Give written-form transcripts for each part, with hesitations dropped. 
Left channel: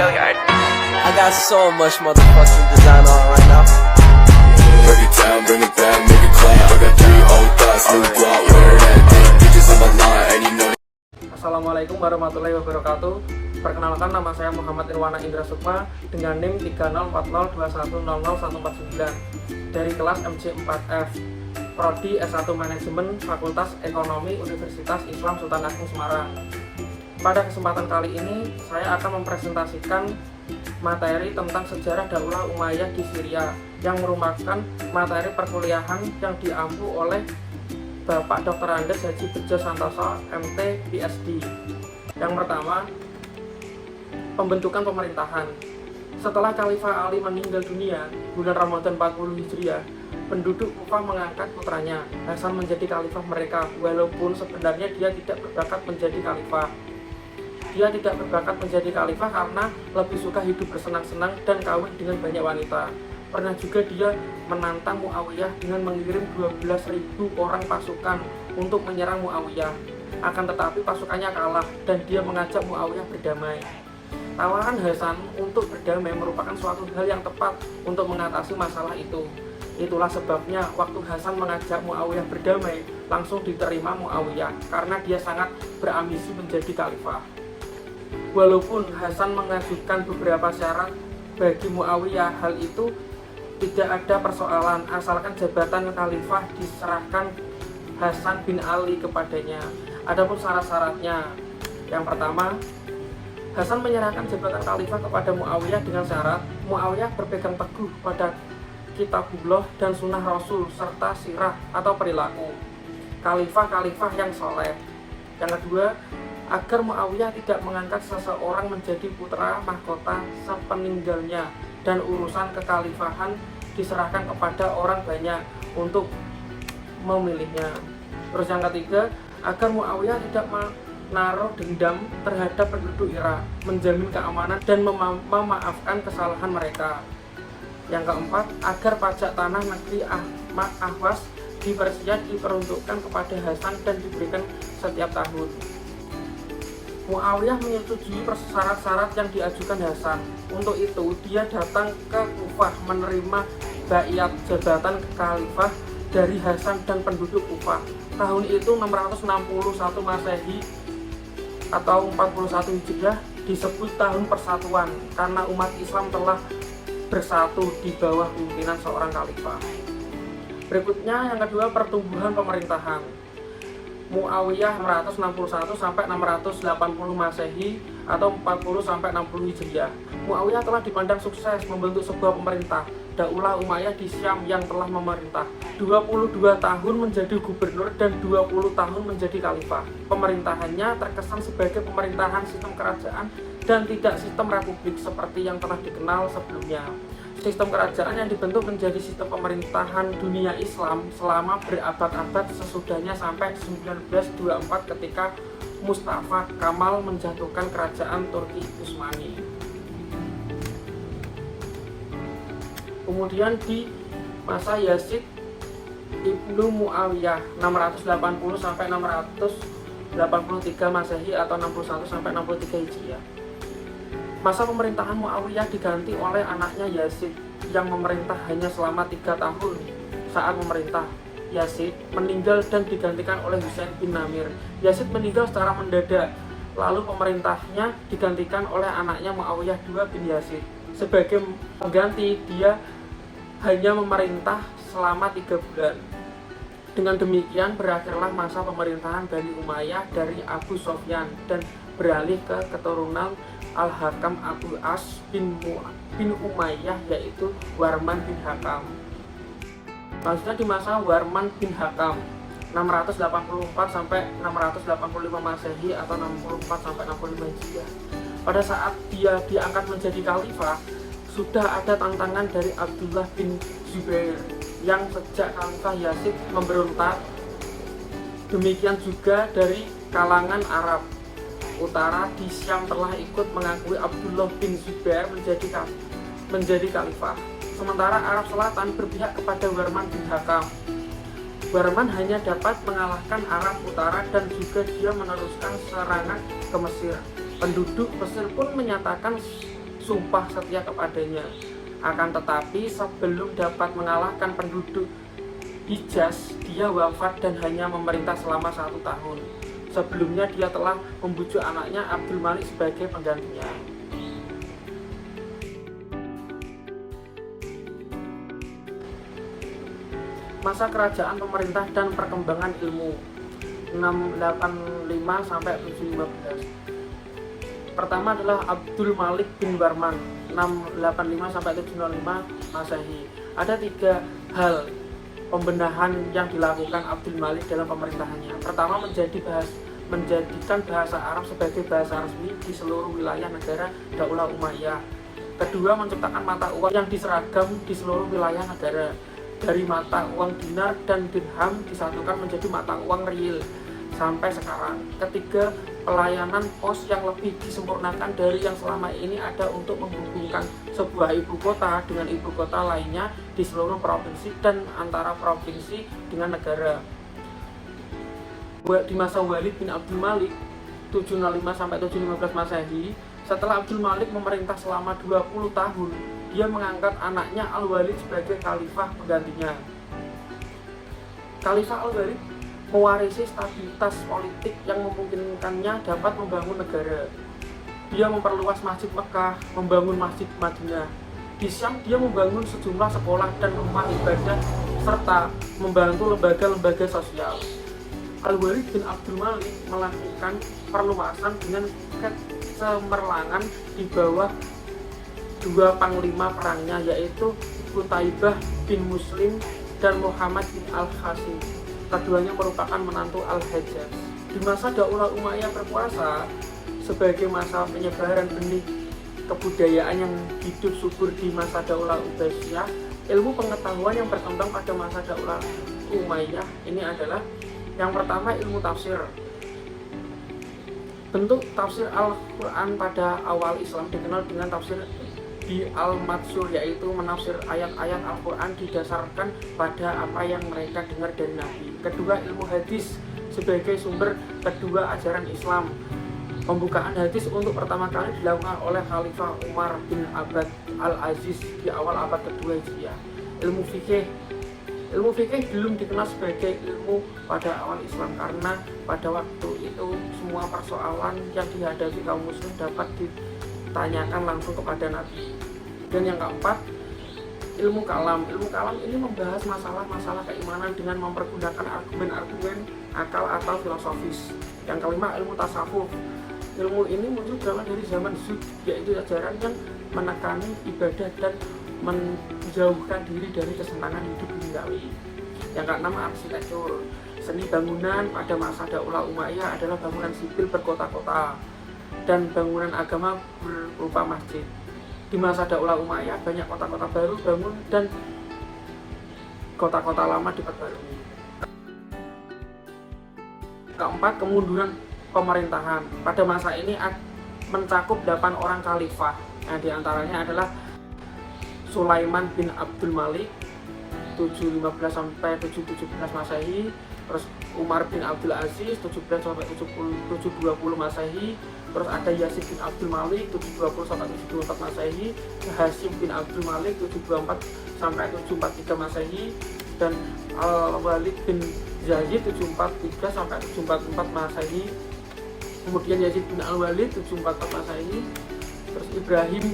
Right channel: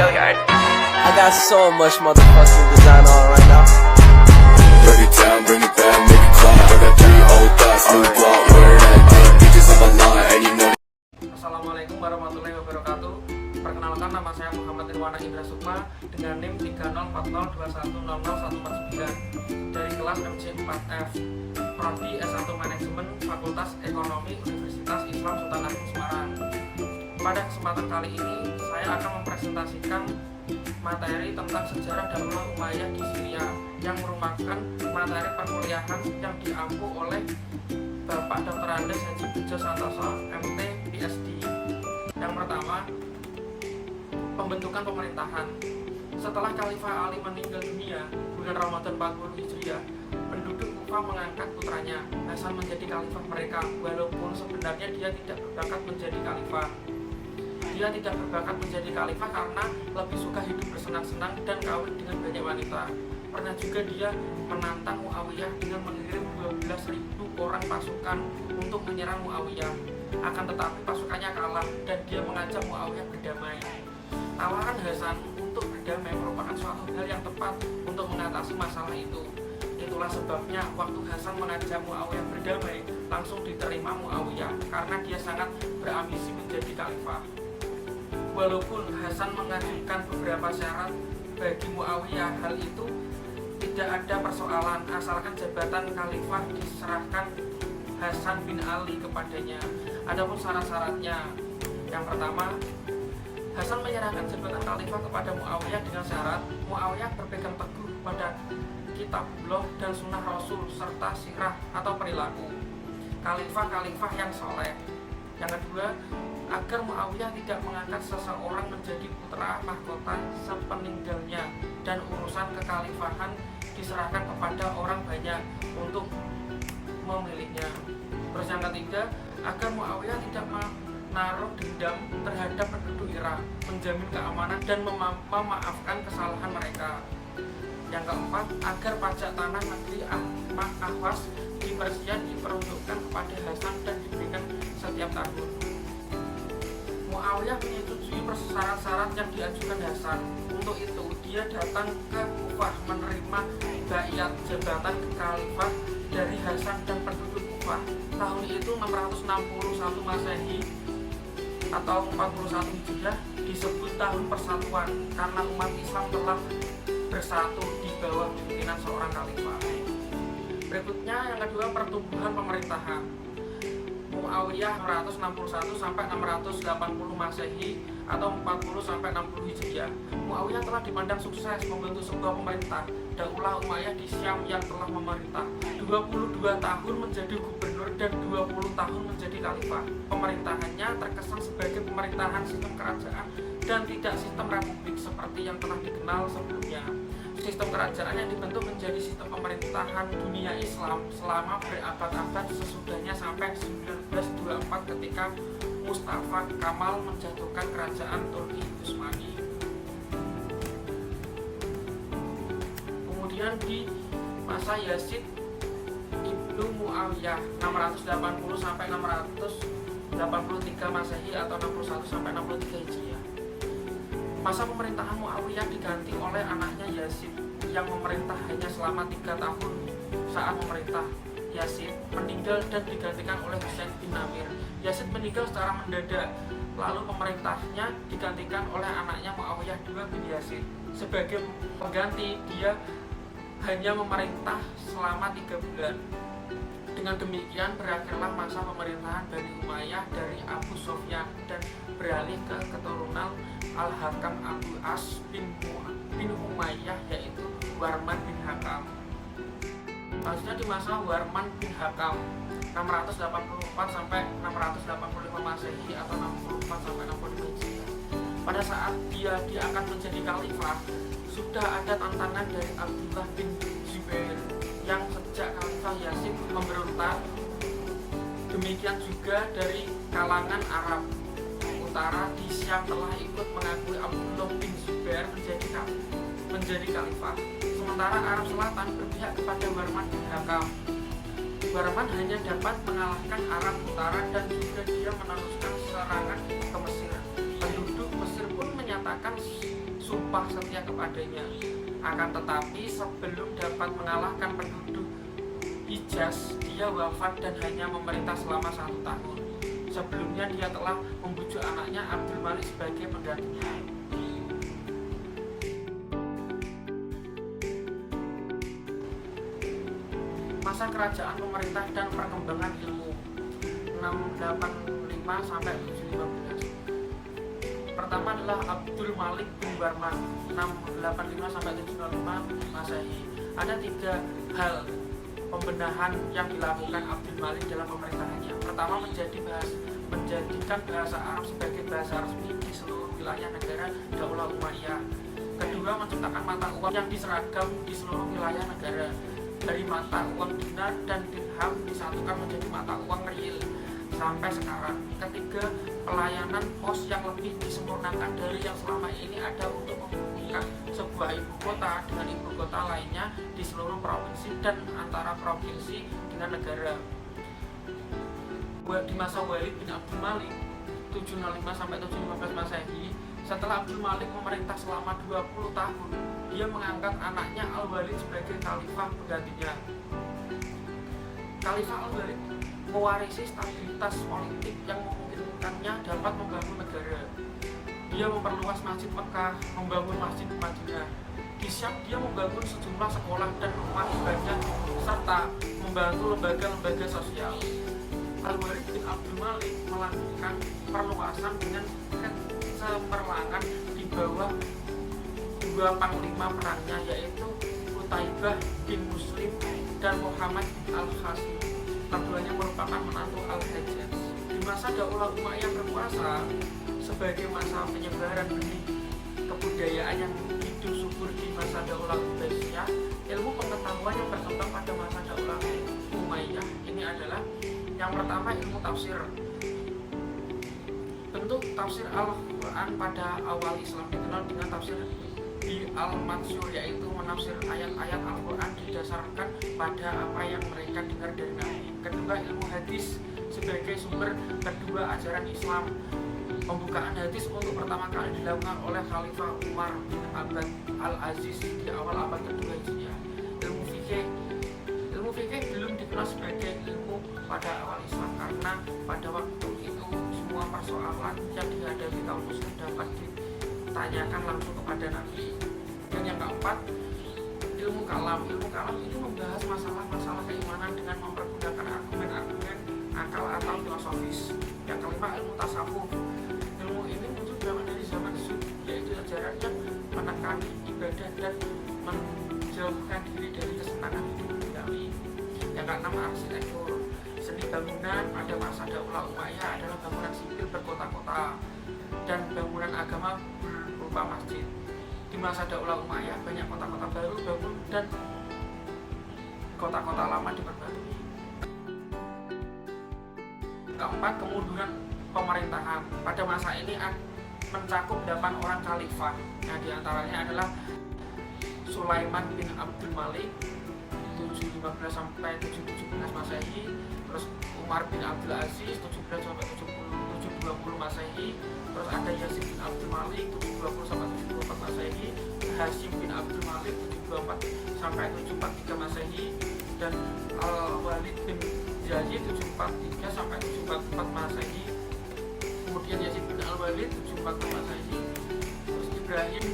I got so much motherfucking design on right now. Break it down, bring it back, make it clap. I got 3 old thoughts, new block, where that thing. Bitches on my line, and you know. Assalamualaikum warahmatullahi wabarakatuh. Perkenalkan, nama saya Muhammad Irwana Indra Sukma dengan NIM 304021001149 dari kelas MC4F, Prodi S1 Manajemen, Fakultas Ekonomi, Universitas Islam Sultan Agung Semarang. Pada kesempatan kali ini, saya akan mempresentasikan materi tentang sejarah Daulah Umayyah di Syria yang merupakan materi perkuliahan yang diampu oleh Bapak Dr. Andes Haji Bejo Santoso, MT, PhD. Yang pertama, pembentukan pemerintahan. Setelah Khalifah Ali meninggal dunia bulan Ramadan 40 Hijriah, penduduk Kufah mengangkat putranya Hasan menjadi khalifah mereka, walaupun sebenarnya dia tidak berbakat menjadi khalifah. Dia tidak berbakat menjadi khalifah karena lebih suka hidup bersenang-senang dan kawin dengan banyak wanita. Pernah juga dia menantang Muawiyah dengan mengirim 12.000 orang pasukan untuk menyerang Muawiyah. Akan tetapi pasukannya kalah dan dia mengajak Muawiyah berdamai. Tawaran Hasan untuk berdamai merupakan suatu hal yang tepat untuk mengatasi masalah itu. Itulah sebabnya waktu Hasan mengajak Muawiyah berdamai, langsung diterima Muawiyah karena dia sangat berambisi menjadi khalifah. Walaupun Hasan mengajukan beberapa syarat bagi Muawiyah, hal itu tidak ada persoalan asalkan jabatan khalifah diserahkan Hasan bin Ali kepadanya. Adapun syarat-syaratnya, yang pertama, Hasan menyerahkan jabatan khalifah kepada Muawiyah dengan syarat Muawiyah berpegang teguh pada kitabullah dan sunnah Rasul serta sirah atau perilaku khalifah-khalifah yang soleh. Yang kedua, agar Muawiyah tidak mengangkat seseorang menjadi putra mahkota sepeninggalnya dan urusan kekhalifahan diserahkan kepada orang banyak untuk memilihnya. Terus yang ketiga, agar Muawiyah tidak menaruh dendam terhadap penduduk Irak, menjamin keamanan dan memaafkan kesalahan mereka. Yang keempat, agar pajak tanah negeri Ahwas di Persia diperuntukkan kepada Hasan dan diberikan setiap tahun. Muawiyah menyetujui syarat-syarat yang diajukan Hasan. Untuk itu, dia datang ke Kufah menerima baiat jabatan khalifah dari Hasan dan penduduk Kufah. Tahun itu 661 Masehi atau 41 Hijriah disebut tahun persatuan karena umat Islam telah bersatu di bawah pimpinan seorang khalifah. Berikutnya yang kedua, pertumbuhan pemerintahan. Muawiyah 661 sampai 680 Masehi atau 40 sampai 60 Hijriah. Muawiyah telah dipandang sukses membentuk sebuah pemerintah Daulah Umayyah di Syam yang telah memerintah 22 tahun menjadi gubernur dan 20 tahun menjadi khalifah. Pemerintahannya terkesan sebagai pemerintahan sistem kerajaan dan tidak sistem republik seperti yang telah dikenal sebelumnya. Sistem kerajaan yang dibentuk menjadi sistem pemerintahan dunia Islam selama berabad-abad sesudahnya sampai 1924 ketika Mustafa Kamal menjatuhkan kerajaan Turki Utsmani. Kemudian di masa Yazid Ibnu Muawiyah 680 sampai 683 Masehi atau 61 sampai 63 Hijriah. Masa pemerintahan Muawiyah diganti oleh anaknya Yazid yang memerintah hanya selama 3 tahun. Saat memerintah, Yazid meninggal dan digantikan oleh Husain bin Namir. Yazid meninggal secara mendadak, lalu pemerintahnya digantikan oleh anaknya Muawiyah II bin Yazid. Sebagai pengganti, dia hanya memerintah selama 3 bulan. Dengan demikian berakhirlah masa pemerintahan Bani Umayyah dari Abu Sofyan dan beralih ke keturunan Al-Hakam Abu As bin Umayyah, yaitu Warman bin Hakam. Selanjutnya di masa Warman bin Hakam 684 sampai 685 Masehi atau 64 sampai 65 Hijriah. Pada saat dia diangkat menjadi khalifah, sudah ada tantangan dari Abdullah bin Zubair yang sejak Khalifah Yazid memberontak. Demikian juga dari kalangan Arab Utara di Syam telah ikut mengakui Abdullah bin Zubair menjadi khalifah. Sementara Arab Selatan berpihak kepada Warman bin Hakam. Warman hanya dapat mengalahkan Arab Utara dan juga dia meneruskan serangan ke Mesir. Penduduk Mesir pun menyatakan sumpah setia kepadanya. Akan tetapi sebelum dapat mengalahkan penduduk Hijaz, dia wafat dan hanya memerintah selama 1 tahun. Sebelumnya dia telah membujuk anaknya Abdul Malik sebagai penggantinya. Masa kerajaan, pemerintah, dan perkembangan ilmu 685 sampai 715. Pertama adalah Abdul Malik bin Warman 685 sampai 705 Masehi. Ada 3 hal pembenahan yang dilakukan Abdul Malik dalam pemerintahannya. Pertama, menjadikan bahasa Arab sebagai bahasa resmi di seluruh wilayah negara Daulah Umayyah. Kedua, menciptakan mata uang yang diseragam di seluruh wilayah negara. Dari mata uang dinar dan dirham disatukan menjadi mata uang rial sampai sekarang. Ketiga, pelayanan pos yang lebih disempurnakan dari yang selama ini ada untuk menghubungkan sebuah ibu kota dengan ibu kota lainnya di seluruh provinsi dan antara provinsi dengan negara. Di masa Walid bin Abdul Malik 705 sampai 715 Masehi, setelah Abdul Malik memerintah selama 20 tahun, dia mengangkat anaknya Al-Walid sebagai khalifah penggantinya. Khalifah Al-Walid mewarisi stabilitas politik yang memungkinkannya dapat membangun negara. Dia memperluas Masjid Mekah, membangun Masjid Madinah. Di Syam dia membangun sejumlah sekolah dan rumah ibadah serta membantu lembaga-lembaga sosial. Al-Walid bin Abdul Malik melakukan perluasan dengan kecemerlangan di bawah 2 panglima perangnya, yaitu Qutaibah bin Muslim dan Muhammad bin Al-Hasim. Keduanya merupakan menantu Al-Hajjaj. Di masa Daulah Umayyah berkuasa, sebagai masa penyebaran benih kebudayaan yang hidup subur di masa Daulah Ubaisiyah, ilmu pengetahuan yang berkembang pada masa Daulah Umayyah ini adalah yang pertama, ilmu tafsir. Bentuk tafsir Al-Quran pada awal Islam dikenal dengan tafsir di Al-Mansur, yaitu menafsir ayat-ayat Al-Quran didasarkan pada apa yang mereka dengar dari Nabi. Kedua, ilmu hadis sebagai sumber kedua ajaran Islam. Pembukaan hadis untuk pertama kali dilakukan oleh Khalifah Umar bin Abd al-Aziz di awal abad kedua Hijriah. Ilmu fikih belum dikenal sebagai ilmu pada awal Islam karena pada waktu itu semua persoalan yang dihadapi kaum muslim dapat ditanyakan langsung kepada Nabi. Dan yang keempat, ilmu kalam. Ilmu kalam ini membahas masalah-masalah keimanan dengan mempergunakan argumen-argumen akal atau filosofis. Yang kelima, ilmu tasawuf. Ilmu ini muncul berawal dari zaman Zuhd, yaitu ajaran yang menekani ibadah dan menjauhkan diri dari kesenangan hidup duniawi. Yang keenam, arsitektur. Seni bangunan pada masa Daulah Umayyah adalah bangunan sipil berkota-kota dan bangunan agama berupa masjid. Di masa Daulah Umayyah banyak kota-kota baru bangun dan kota-kota lama diperbarui. Keempat, kemunduran pemerintahan. Pada masa ini mencakup 8 orang khalifah. Nah, diantaranya adalah Sulaiman bin Abdul Malik 715 sampai 717 Masehi, terus Umar bin Abdul Aziz 17 sampai 720 Masehi, terus ada Yazid bin Abdul Malik 720 sampai 724 Masehi, Hashim bin Abdul Malik 724 sampai 743 Masehi, dan Al-Walid bin Yazid 743 sampai 744 Masehi. Kemudian Yazid bin Al-Walid 744 Masehi, terus Ibrahim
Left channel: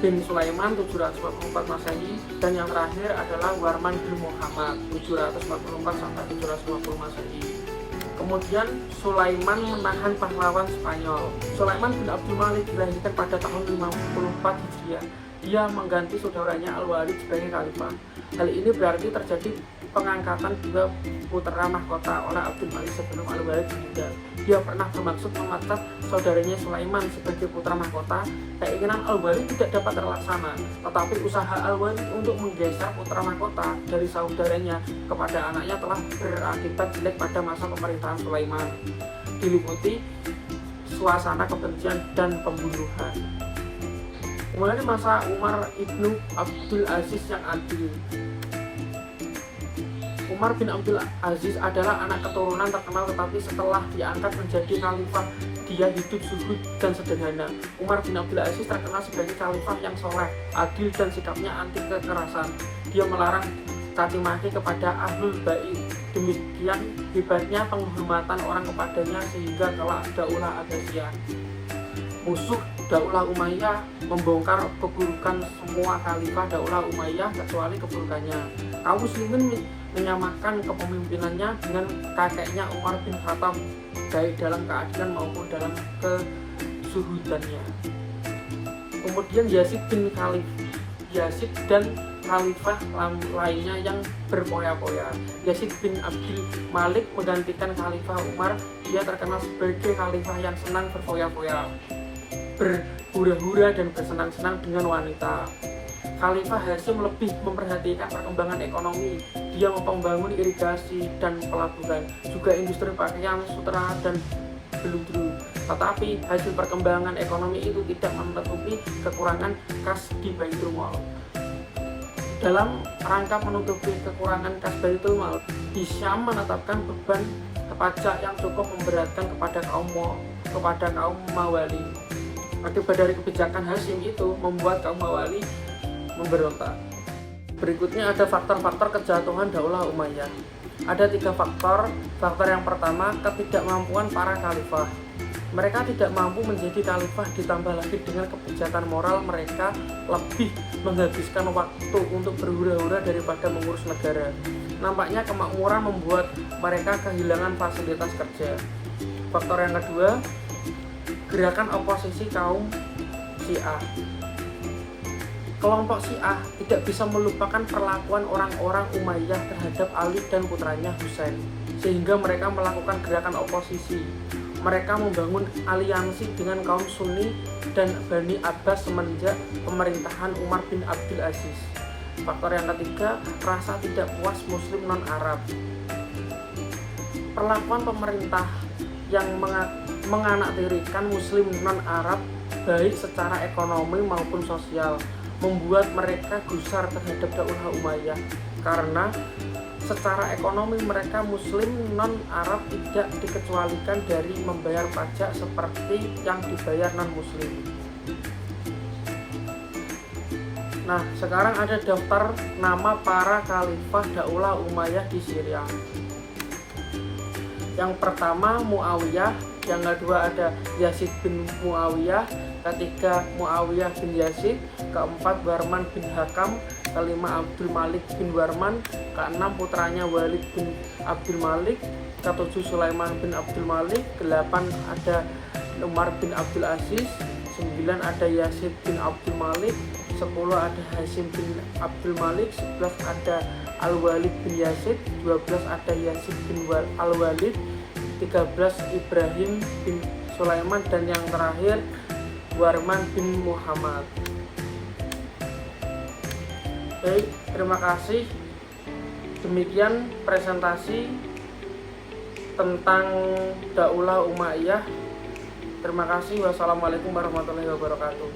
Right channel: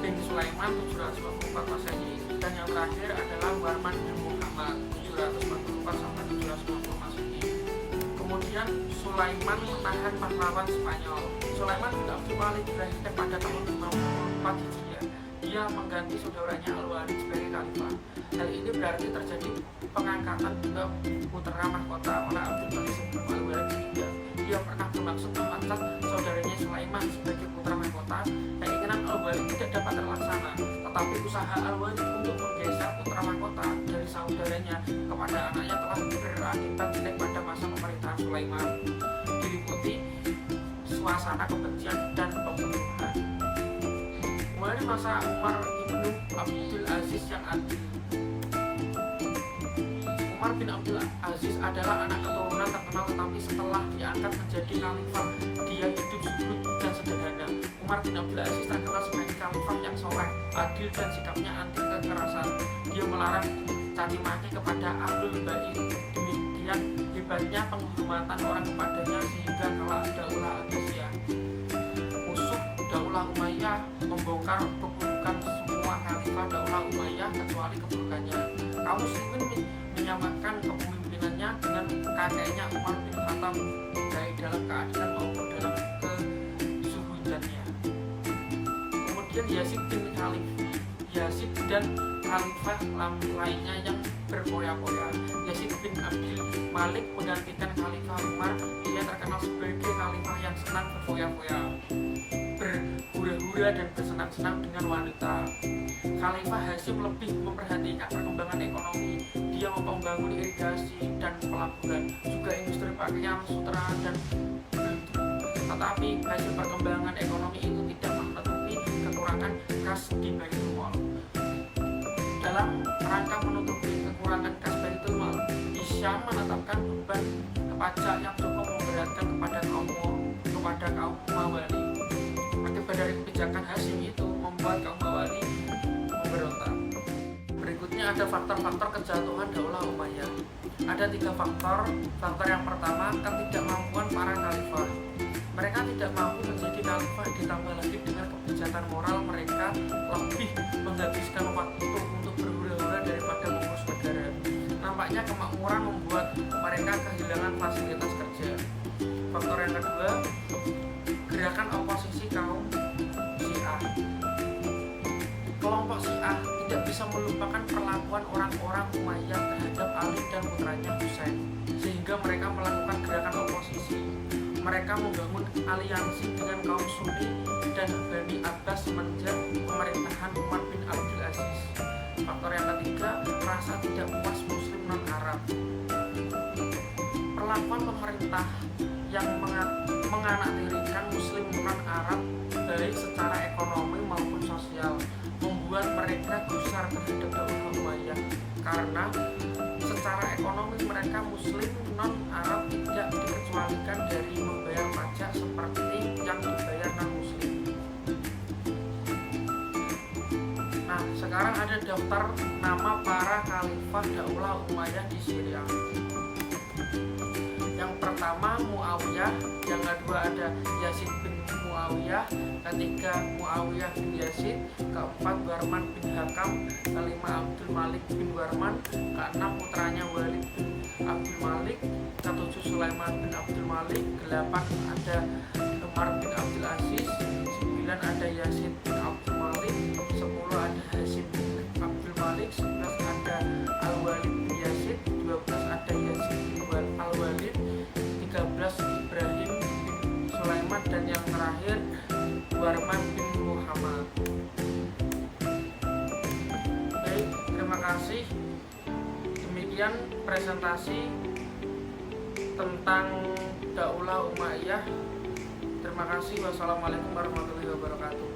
bin Sulaiman 744 Masehi, dan yang terakhir adalah Warman bin Muhammad 744 sampai 750 Masehi. Kemudian Sulaiman menahan pahlawan Spanyol. Sulaiman bin Abdul Malik dilahirkan pada tahun 54 Hijriah. Dia mengganti saudaranya Al-Walid sebagai khalifah. Hal ini berarti terjadi pengangkatan dua putra mahkota oleh Abdul Malik sebelum Al-Walid meninggal. Dia pernah bermaksud memecat saudaranya Sulaiman sebagai putra mahkota. Keinginan Al-Walid tidak dapat terlaksana, tetapi usaha Al-Walid untuk menggeser putra mahkota dari saudaranya kepada anaknya telah berakibat jelek pada masa pemerintahan Sulaiman, diliputi suasana kebencian dan pembunuhan. Mulai masa Umar ibnu Abdul Aziz yang adil. Umar bin Abdul Aziz adalah anak keturunan terkenal, tetapi setelah diangkat menjadi khalifah, dia dia hidup zuhud dan sederhana. Umar bin Abdul Aziz terkenal sebagai khalifah yang soleh, adil dan sikapnya anti kekerasan. Dia melarang caci maki kepada ahlul bait. Demikian hebatnya penghormatan orang kepadanya sehingga kelak Daulah Abbasiyah, musuh Daulah Umayyah, membongkar keburukan semua khalifah Daulah Umayyah kecuali keburukannya. Kaum muslimin menyamakan kepemimpinannya dengan kakeknya Umar bin Khattab, baik dalam keadilan maupun dalam kezuhudannya. Kemudian Yazid dan khalifah lainnya yang berpoya-poya. Yazid bin Abdul Malik menggantikan khalifah Umar. Dia terkenal sebagai khalifah yang senang berfoya-foya, berhura-hura dan bersenang-senang dengan wanita. Khalifah Hasyim lebih memperhatikan perkembangan ekonomi. Dia membangun irigasi dan pelabuhan, juga industri pakaian, sutra dan beludru. Tetapi hasil perkembangan ekonomi itu tidak menutupi kekurangan kas di Baitul Mal. Dalam rangka menutupi kekurangan kas Baitul Mal, Hisham menetapkan beban pajak yang cukup memberatkan kepada kaum Mawali. Akibat dari kebijakan Hasyim itu membuat kaum Mawali memberontak. Berikutnya ada faktor-faktor kejatuhan Daulah Umayyah. Ada 3 faktor. Faktor yang pertama, ketidakmampuan para khalifah. Mereka tidak mampu menjadi khalifah, ditambah lagi dengan kebijakan moral mereka lebih menghabiskan waktu untuk berhura-hura daripada mengurus negara. Nampaknya kemakmuran membuat mereka kehilangan fasilitas kerja. Faktor yang kedua, gerakan oposisi kaum Syiah. Kelompok Syiah tidak bisa melupakan perlakuan orang-orang Umayyah terhadap Ali dan putranya Husain, sehingga mereka melakukan gerakan oposisi. Mereka membangun aliansi dengan kaum Sunni dan Bani Abbas semenjak pemerintahan Umar bin Abdul Aziz. Faktor yang ketiga, rasa tidak puas Muslim non-Arab. Perlakuan pemerintah yang menganaktirikan Muslim non-Arab baik secara ekonomi maupun sosial membuat mereka gusar terhadap Daulah Umayyah, karena secara ekonomi mereka Muslim non-Arab tidak dikecualikan dari membayar pajak seperti yang dibayar non-Muslim. Nah, sekarang ada daftar nama para khalifah Daulah Umayyah di Syria. Yang pertama Muawiyah, yang kedua ada Yazid bin Muawiyah, ketiga Muawiyah bin Yazid, keempat Warman bin Hakam, kelima Abdul Malik bin Warman, keenam putranya Walid bin Abdul Malik, ketujuh Sulaiman bin Abdul Malik, delapan ada Umar bin Abdul Aziz, 9 ada Yazid bin Abdul Malik, 10 ada Hasyim bin Abdul Malik, 11 ada Al-Walid bin Yazid, 12 ada Yazid bin Al-Walid, 13 Ibrahim bin Sulaiman, dan yang terakhir Warman bin Muhammad. Baik, terima kasih. Demikian presentasi tentang Daulah Umayyah. Terima kasih. Wassalamualaikum warahmatullahi wabarakatuh.